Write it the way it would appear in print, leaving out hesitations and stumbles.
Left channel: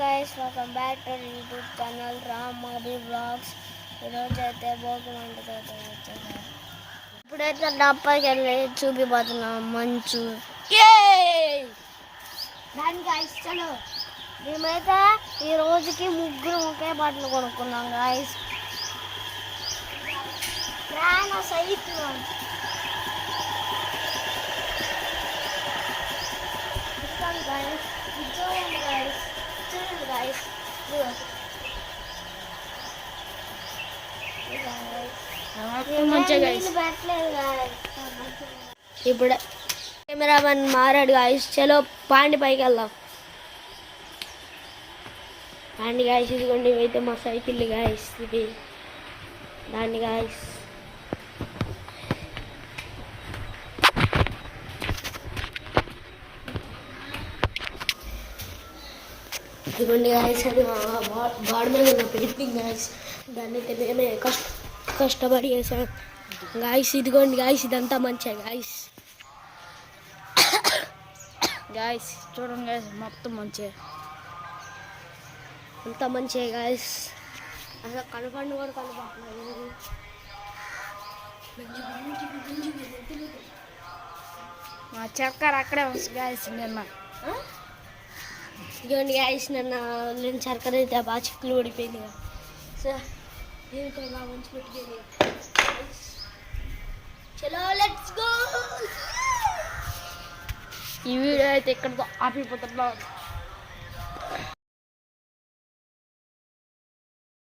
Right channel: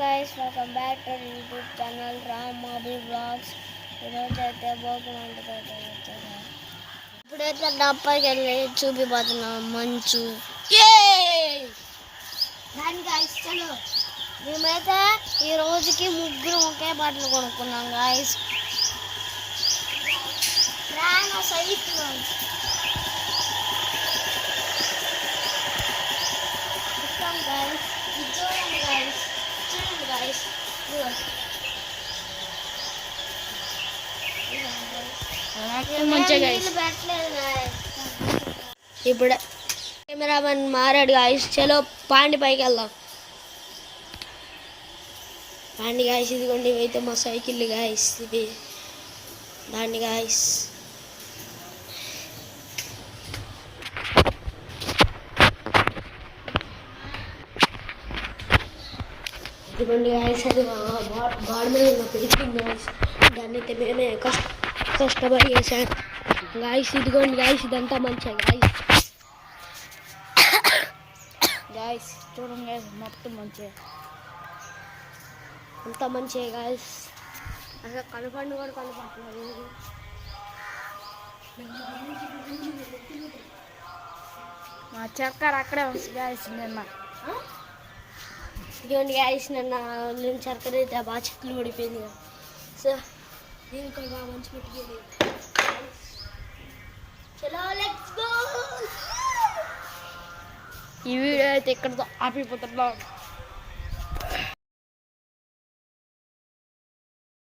Guys, welcome back to YouTube channel Ram Abhi vlogs. ఈరోజు అయితే భోగి మంటతో ఇప్పుడైతే డబ్బాకి వెళ్ళి చూపిపోతున్నాం మంచు. మేమైతే ఈ రోజుకి ముగ్గురు ఒకే బట్టలు కొనుక్కున్నాం గాయస్. ప్రాణ సైతం guys, చూడండి guys, ఇప్పుడు కెమెరామెన్ మారాడు గాయస్. చలో పాండి పైకి వెళ్దాం. పాండి గాయస్, ఇదిగోండి ఇవైతే మా సైకిల్ గాయస్. ఇది దాన్ని గాయస్. ఇదిగోండి గాయస్, అది బాడ మీద ఉన్న పెయింటింగ్ గాయస్. దాన్ని అయితే నేనే కష్టపడి చేశాను గాయస్. ఇదిగోండి గాయస్, ఇదంతా మంచిగా గాయస్. గాయస్ చూడండి గాయస్, మొత్తం మంచిగా అంతా మంచిగా గాయస్. అసలు కనపండి కూడా కనపడుతున్నారు. మా చక్కర అక్కడే ఉంది గాయస్. నిన్న ఇదిగోండి గాయస్, నేను చక్కర అయితే బాగా చెట్లు పడిపోయింది కదా సార్. నేను బాగా మంచి పెట్టుకోండి. చలో లెట్స్ గో. ఈ వీడియో అయితే ఇక్కడతో ఆపిపోతున్నాం.